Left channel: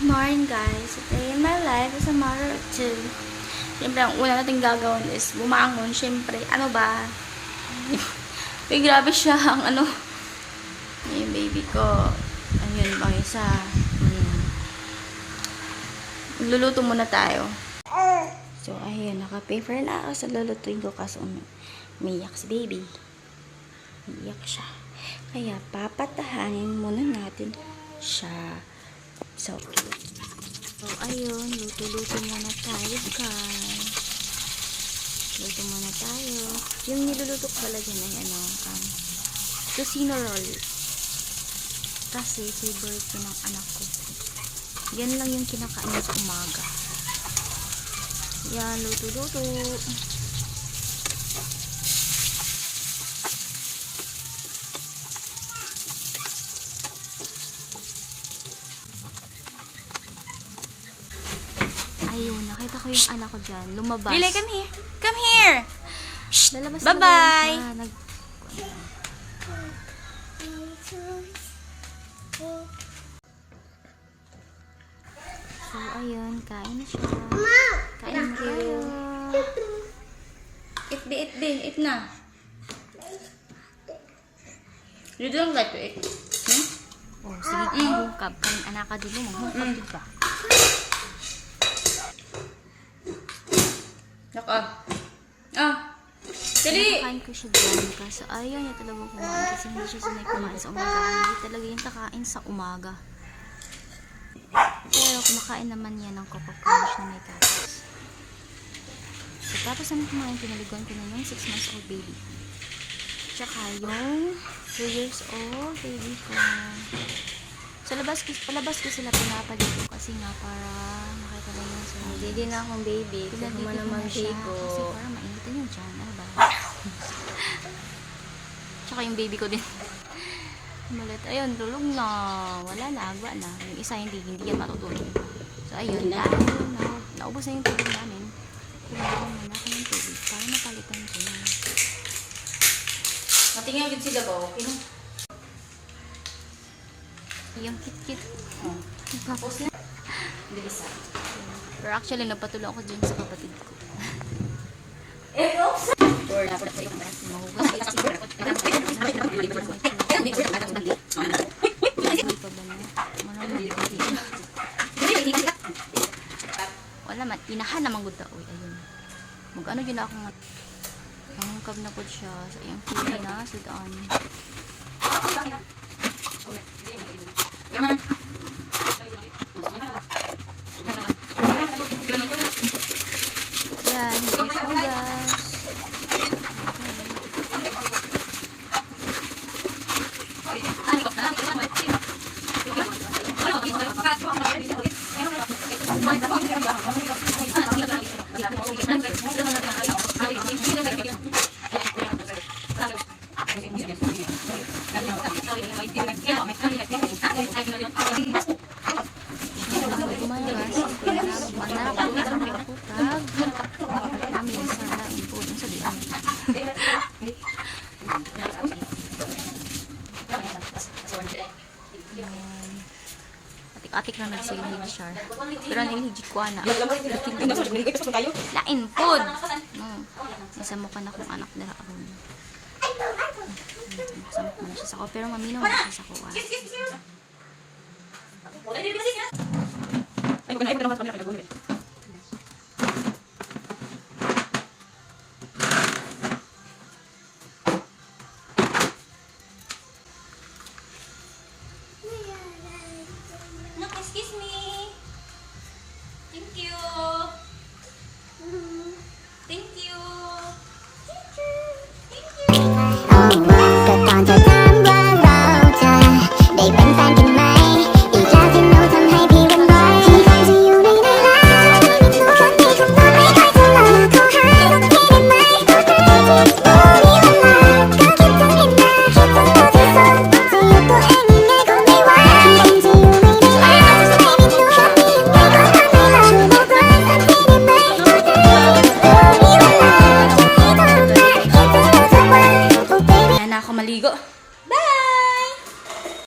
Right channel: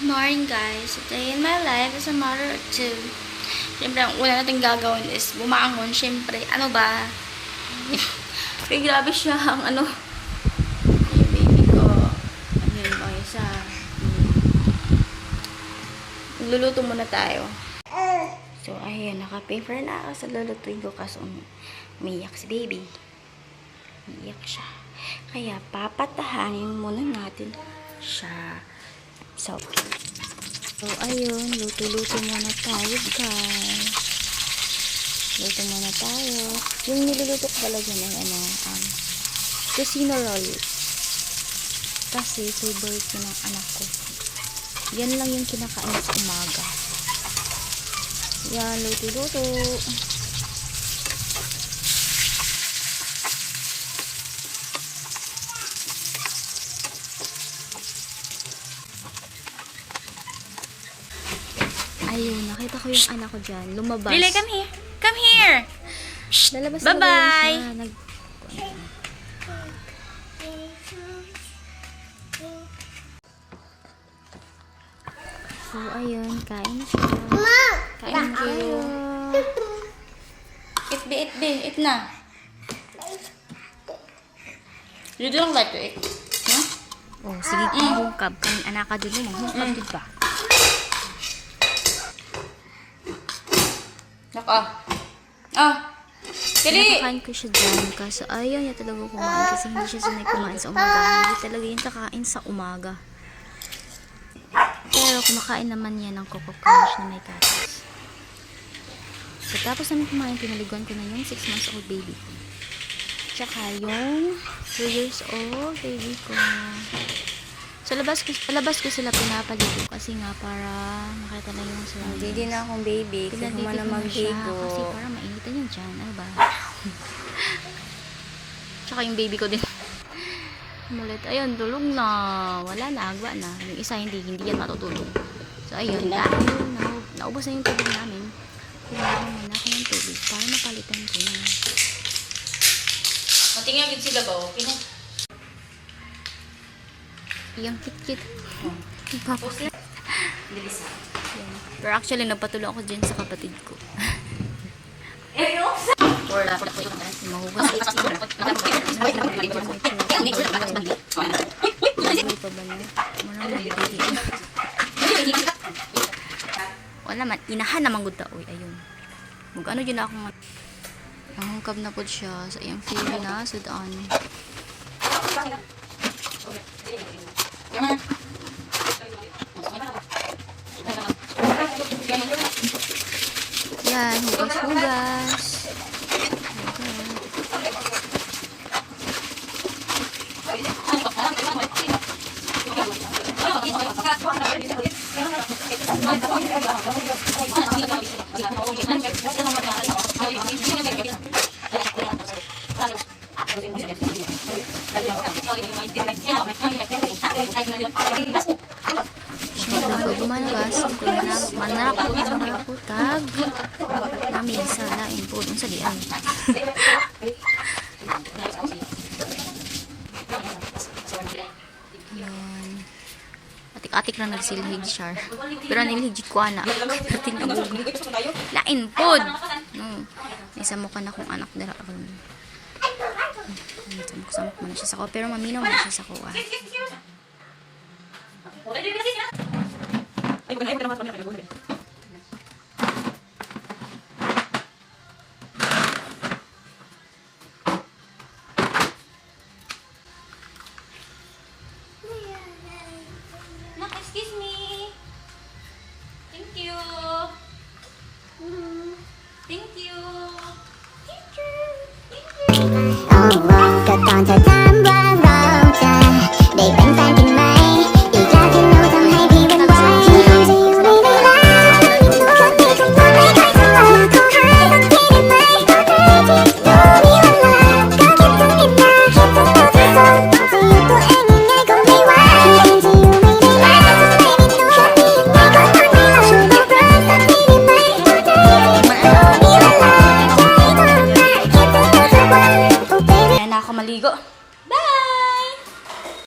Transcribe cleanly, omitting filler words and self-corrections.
Good morning guys. Today in my life is a mother of two. Siyempre, ang una natin gagawin is bumangon. Siyempre, ano ba? Ay, grabe siya ang ano. Yung baby ko. Ayun, ang isa. Luluto muna tayo. So, ayun, naka-paper na ako sa lulutuin ko kasi umiyak si baby. Umiyak siya. Kaya, papatahanin muna natin siya. So, ayun, luto-luto muna tayo, guys. Luto muna tayo. Yung niluluto ko pala dyan ay tocino roll. Kasi, favorite ko ng anak ko. Yan lang yung kinakain sa umaga. Yan, luto-luto. Ayun, nakita ko yung anak ko dyan. Lumabas. Lily, come here. Come here. Lalabas Bye-bye. So, ayun. Kain na siya. Kain Thank na you. tayo. Eat na. You don't like to eat? No? Oh, sige kang hungkab. Kanin anak ka dun mo. Hungkab din ba? Naka. Dali. Nakain ko siya dyan. Kaso ayaw niya talaga kumain. Kasi hindi siya sanay kumain sa umaga. Hindi talaga yung kakain sa umaga. Pero kumakain naman yan ng Coco Crunch na may katas. So, tapos namin kumain, pinaliguan ko na yung 6 months old baby. Tsaka yung 2 years old baby ko. So, palabas ko sila pinapaligo kasi nga para makita na yung service. Hindi na akong baby. Kasi mo na mag-higo. Kasi para mainitan yung dyan. Ano ba? Tsaka yung baby ko din. Malit. Ayun, tulog na. Wala na, agwa na. Yung isa hindi yan matutulog. So, ayun. Naubos na yung tubig namin. Kailangan muna ako ng tubig para mapalitan ko na. Matingin agad sila ba? Okay na? Yung kit-kit. Okay. Dali sa. Pero actually, napatulong ako dyan sa kapatid ko. Oops! Mahugas. May pa ba niya? Wala man. Tinahan naman gud ta. Uy, ayun. Mag-ano dyan ako nga. Mahungkab na po siya sa iyang feeling na sudan. Yan, hugas-hugas. Gumalas, manakutag. Namin sa lain po dun sa diyan. Atik-atik na nagsilhig siya. Pero nilhigit ko na. Lain po. No. Isa mo ka na kung anak dara ako. Samok mo na siya sa ko. Pero maminaw mo siya sa ko. Ay,